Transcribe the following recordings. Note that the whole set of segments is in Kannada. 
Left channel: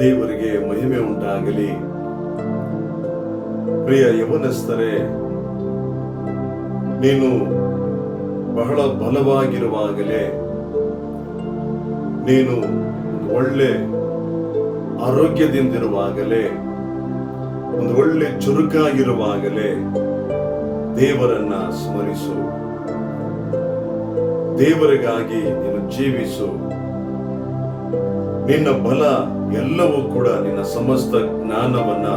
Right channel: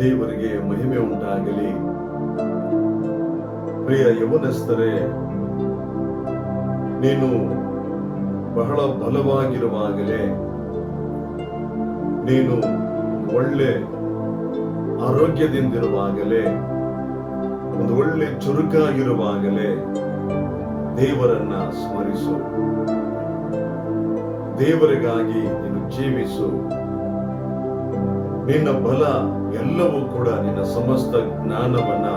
ದೇವರಿಗೆ ಮಹಿಮೆ ಉಂಟಾಗಲಿ. ಪ್ರಿಯ ಯೌವನಸ್ಥರೇ, ನೀನು ಬಹಳ ಬಲವಾಗಿರುವಾಗಲೇ, ನೀನು ಒಳ್ಳೆ ಆರೋಗ್ಯದಿಂದಿರುವಾಗಲೇ, ಒಂದು ಒಳ್ಳೆ ಚುರುಕಾಗಿರುವಾಗಲೇ ದೇವರನ್ನ ಸ್ಮರಿಸು. ದೇವರಿಗಾಗಿ ನೀನು ಜೀವಿಸು. ನಿನ್ನ ಬಲ ಎಲ್ಲವೂ ಕೂಡ ನಿನ್ನ ಸಮಸ್ತ ಜ್ಞಾನವನ್ನ,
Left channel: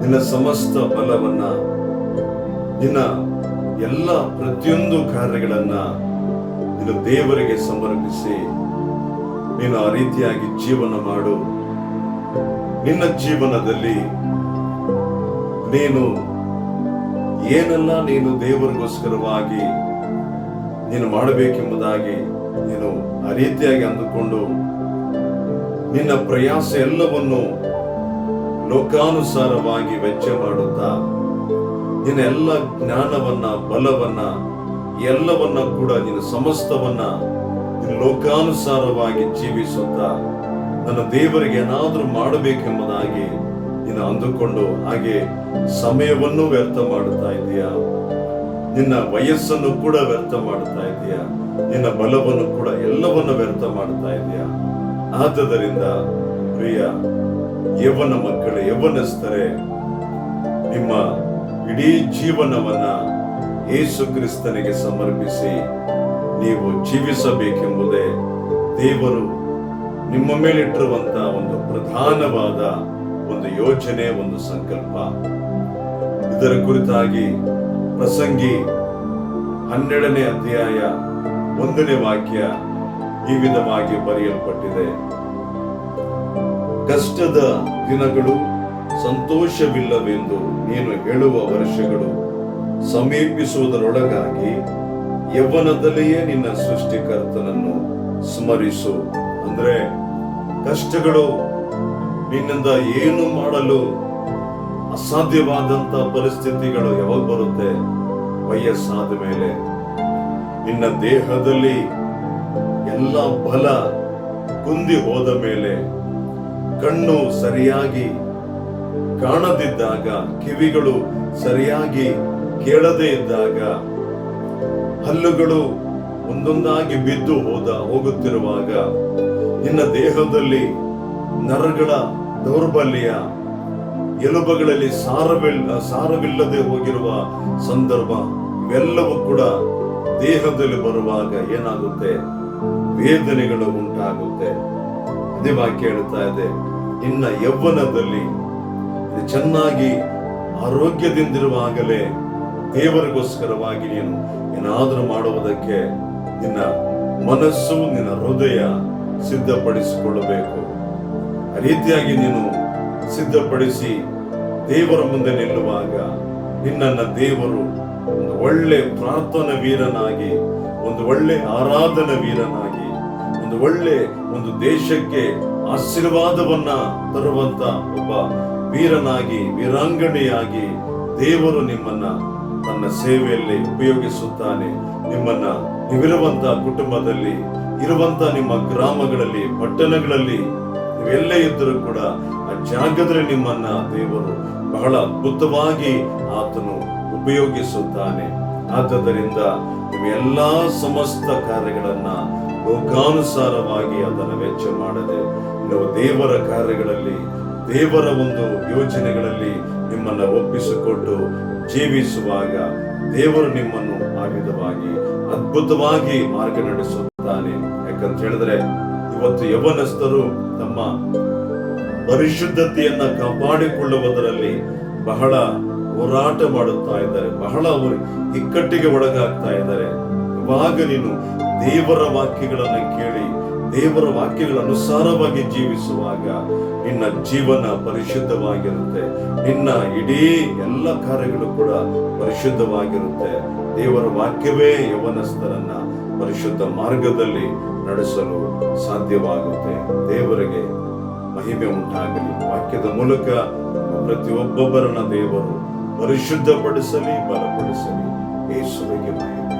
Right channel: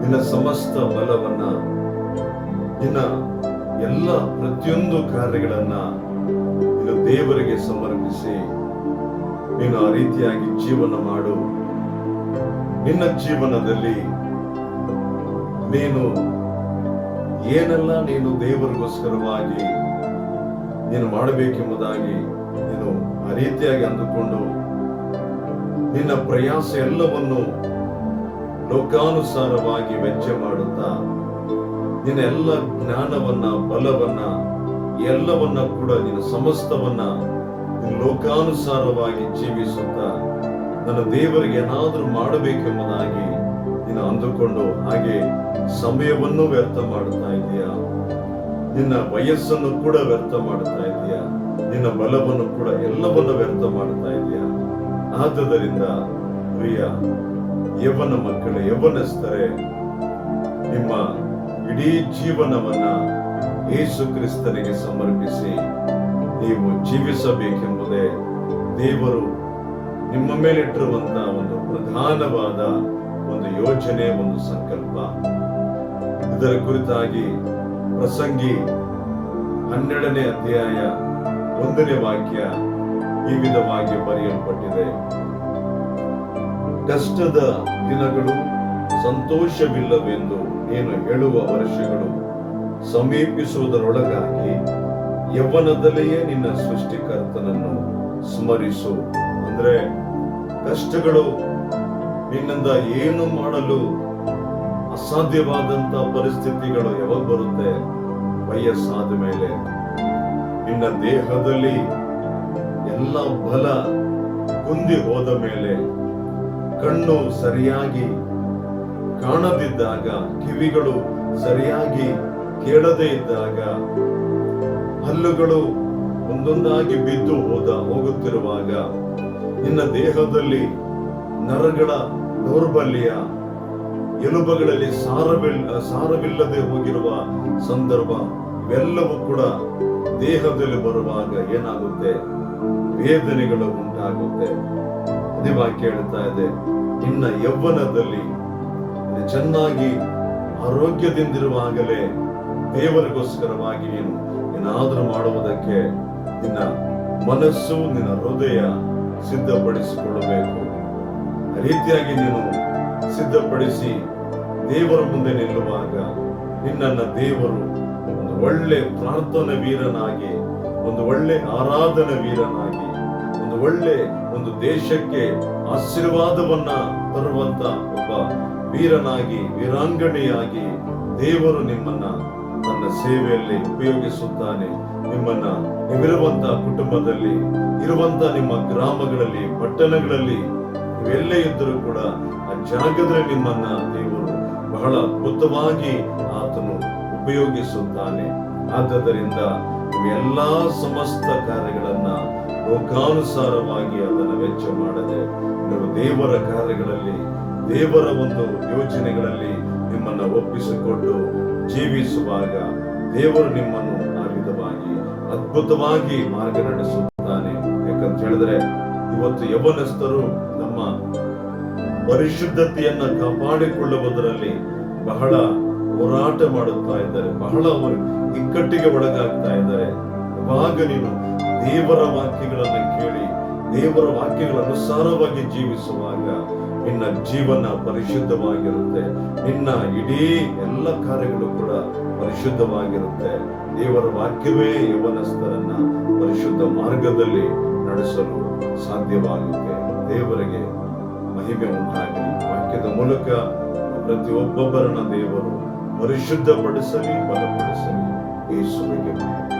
ನಿನ್ನ ಸಮಸ್ತ ಬಲವನ್ನ, ನಿನ್ನ ಎಲ್ಲ ಪ್ರತಿಯೊಂದು ಕಾರ್ಯಗಳನ್ನ ನೀನು ದೇವರಿಗೆ ಸಮರ್ಪಿಸಿ ನೀನು ಆ ರೀತಿಯಾಗಿ ಜೀವನ ಮಾಡು. ನಿನ್ನ ಜೀವನದಲ್ಲಿ ನೀನು ಏನೆಲ್ಲ ನೀನು ದೇವರಿಗೋಸ್ಕರವಾಗಿ ನೀನು ಮಾಡಬೇಕೆಂಬುದಾಗಿ ನೀನು ಆ ರೀತಿಯಾಗಿ ಅಂದುಕೊಂಡು ನಿನ್ನ ಪ್ರಯಾಸ ಎಲ್ಲವನ್ನು ಲೋಕಾನುಸಾರವಾಗಿ ವೆಚ್ಚ ಮಾಡುತ್ತಾ, ನಿನ್ನ ಎಲ್ಲ ಜ್ಞಾನವನ್ನ, ಬಲವನ್ನ, ಎಲ್ಲವನ್ನ ಕೂಡ ನಿನ್ನ ಸಮಸ್ತವನ್ನ ನೀನು ಲೋಕಾನುಸಾರವಾಗಿ ಜೀವಿಸುತ್ತಾ ನನ್ನ ದೇವರಿಗೆ ಏನಾದ್ರೂ ಮಾಡಬೇಕೆಂಬುದಾಗಿ ನೀನು ಅಂದುಕೊಂಡು ಹಾಗೆ ಸಮಯವನ್ನು ವ್ಯರ್ಥ ಮಾಡುತ್ತಾ ಇದೆಯಾ? ನಿನ್ನ ವಯಸ್ಸನ್ನು ಕೂಡ ವ್ಯರ್ಥ ಮಾಡುತ್ತಾ ಇದೆಯಾ? ನಿನ್ನ ಬಲವನ್ನು ಕೂಡ ಎಲ್ಲವನ್ನು ವ್ಯರ್ಥ ಮಾಡುತ್ತಾ ಇದೆಯಾ? ಆದ್ದರಿಂದ ಪ್ರಿಯ ಯೌವನ ಮಕ್ಕಳೇ, ಯೌವನಸ್ಥರೇ, ನಿಮ್ಮ ಇಡೀ ಜೀವನವನ್ನ ಯೇಸು ಕ್ರಿಸ್ತನಿಗೆ ಸಮರ್ಪಿಸಿ ನೀವು ಜೀವಿಸಬೇಕೆಂಬುದೇ ದೇವರು ನಿಮ್ಮ ಮೇಲಿಟ್ಟಿರುವಂತಹ ಒಂದು ಪ್ರಧಾನವಾದ ಒಂದು ಯೋಜನೆ, ಒಂದು ಸಂಕಲ್ಪ. ಇದರ ಕುರಿತಾಗಿ ಪ್ರಸಂಗಿ 12ನೇ ಅಧ್ಯಾಯ 1ನೇ ವಾಕ್ಯ ಈ ವಿಧವಾಗಿ ಬರೆಯಲ್ಪಟ್ಟಿದೆ. ಕಷ್ಟದ ದಿನಗಳು ಸಂತೋಷವಿಲ್ಲವೆಂದು ನೀನು ಹೇಳುವ ವರ್ಷಗಳು ಸಮೀಪಿಸುವುದರೊಳಗಾಗಿ ಯೌವನದಲ್ಲಿಯೇ ನಿನ್ನ ಸೃಷ್ಟಿಕರ್ತನನ್ನು ಸ್ಮರಿಸು. ಅಂದ್ರೆ ಕಷ್ಟಗಳು ನಿನ್ನಿಂದ ಏನು ಮಾಡಲು ಅಸಾಧ್ಯವಾದಂತ ಪರಿಸ್ಥಿತಿಗಳು ಯಾವಾಗ ಬರುತ್ತೆ? ವಯಸ್ಸಾದ ಮೇಲೆ. ನಿನ್ನ ದೇಹದಲ್ಲಿ ಎಲ್ಲ ಬಲ ಕುಂದಿ ಹೋದ ಮೇಲೆ, ಕಣ್ಣು ಸರಿಯಾಗಿ ಕಾಣದಿದ್ದಾಗ, ಕಿವಿಗಳು ಸರಿಯಾಗಿ ಕೇಳದೇ ಇದ್ದಾಗ, ಹಲ್ಲುಗಳು ಒಂದೊಂದಾಗಿ ಬಿದ್ದು ಹೋಗುತ್ತಿರುವಾಗ, ನಿನ್ನ ದೇಹದಲ್ಲಿ ನರಗಳ ದೌರ್ಬಲ್ಯ, ಎಲುಬುಗಳಲ್ಲಿ ಸಾರವಿಲ್ಲದೆ ಹೋಗಿರುವ ಸಂದರ್ಭ, ಇವೆಲ್ಲವೂ ಕೂಡ ದೇಹದಲ್ಲಿ ಬರುವಾಗ ಏನಾಗುತ್ತೆ? ವೇದನೆಗಳು ಉಂಟಾಗುತ್ತೆ. ಅದೇ ವಾಕ್ಯ ಹೇಳ್ತಾ ಇದೆ, ನಿನ್ನ ಯೌವನದಲ್ಲಿ ಚೆನ್ನಾಗಿ ಆರೋಗ್ಯದಿಂದಿರುವಾಗಲೇ ದೇವರಿಗೋಸ್ಕರವಾಗಿ ನೀನು ಏನಾದರೂ ಮಾಡುವುದಕ್ಕೆ ನಿನ್ನ ಮನಸ್ಸು, ನಿನ್ನ ಹೃದಯ ಸಿದ್ಧಪಡಿಸಿಕೊಳ್ಳಬೇಕು. ಆ ರೀತಿಯಾಗಿ ನೀನು ಸಿದ್ಧಪಡಿಸಿ ದೇವರ ಮುಂದೆ ನಿಲ್ಲುವಾಗ ನಿನ್ನನ್ನ ದೇವರು ಒಂದು ಒಳ್ಳೆ ಪ್ರಾರ್ಥನಾ ವೀರನಾಗಿ, ಒಂದು ಒಳ್ಳೆ ಆರಾಧನಾ ವೀರನಾಗಿ, ಒಂದು ದೇಶಕ್ಕೆ ಆಶೀರ್ವಾದವನ್ನ ತರುವಂತ ಒಬ್ಬ ವೀರನಾಗಿ, ವೀರಾಂಗಣೆಯಾಗಿ ದೇವರು ನಿಮ್ಮನ್ನ ತನ್ನ ಸೇವೆಯಲ್ಲಿ ಉಪಯೋಗಿಸುತ್ತಾನೆ. ನಿಮ್ಮನ್ನ ನೀವಿರುವಂತ ಕುಟುಂಬದಲ್ಲಿ, ಇರುವಂತ ನಿಮ್ಮ ಗ್ರಾಮಗಳಲ್ಲಿ, ಪಟ್ಟಣಗಳಲ್ಲಿ, ನೀವೆಲ್ಲೇ ಇದ್ದರೂ ಕೂಡ ಆ ಜಾಗದಲ್ಲಿ ನಿಮ್ಮನ್ನ ದೇವರು ಬಹಳ ಅದ್ಭುತವಾಗಿ ಆತನು ಉಪಯೋಗಿಸುತ್ತಾನೆ. ಆದ್ದರಿಂದ ನೀವು ಎಲ್ಲಾ ಸಮಸ್ತ ಕಾರ್ಯಗಳನ್ನ ಲೋಕಾನುಸಾರವಾಗಿ ಅದನ್ನು ವೆಚ್ಚ ಮಾಡದೆ ನೀವು ದೇವರ ಕಾರ್ಯಗಳಲ್ಲಿ, ದೇವರ ಒಂದು ಯೋಜನೆಗಳಲ್ಲಿ ನಿಮ್ಮನ್ನ ಒಪ್ಪಿಸಿಕೊಟ್ಟು ಜೀವಿಸುವಾಗ ದೇವರು ನಿಮ್ಮನ್ನು ಆ ವಿಧವಾಗಿ ಅದ್ಭುತವಾಗಿ ಮಾರ್ಗ ನಡೆಸುತ್ತಾನೆ. ಯಾಕಂತ ಹೇಳಿದ್ರೆ ಇವತ್ತು ಯೌವನಸ್ಥರು ತಮ್ಮ ಪರಿಶುದ್ಧತೆಯನ್ನ ಕಾಪಾಡಿಕೊಳ್ಳುವುದರಲ್ಲಿ ಬಹಳ ಹೋರಾಟ ಮಾಡುತ್ತಾ ಇದ್ದಾರೆ, ಬಹಳ ಇಕ್ಕಟ್ಟಿಗೆ ಒಳಗಾಗ್ತಾ ಇದ್ದಾರೆ. ಇವಾಗ ನೀನು ದೇವರ ವಾಕ್ಯಗಳನ್ನು ಕೇಳಿ, ದೇವರ ವಾಕ್ಯಗಳ ಅನುಸಾರವಾಗಿ ಜೀವಿಸುವಾಗ ನಿನ್ನ ಜೀವನ ಪರಿಶುದ್ಧವಾಗಿರುತ್ತೆ. ನಿನ್ನ ಇಡೀ ಎಲ್ಲ ಕಾರ್ಯಗಳು ಕೂಡ ಪರಿಶುದ್ಧವಾಗಿರುತ್ತೆ. ದೇವರ ವಾಕ್ಯವೇ ಯೌವನಸ್ಥರನ್ನ ಪರಿಶುದ್ಧ ಮಾರ್ಗದಲ್ಲಿ ನಡೆಸಲು ಸಾಧ್ಯವಾಗುತ್ತೆ. ದೇವರಿಗೆ ಮಹಿಮೆ ಉಂಟಾಗಲಿ. ವಾಕ್ಯದ ಮೂಲಕ ಪ್ರತಿಯೊಬ್ಬೊಬ್ಬರನ್ನ ದೇವರು ಪರಿಶುದ್ಧಪಡಿಸಲಿ, ಬಲಪಡಿಸಲಿ. ಯೇಸುವಿಗೆ ಮಹಿಮೆ.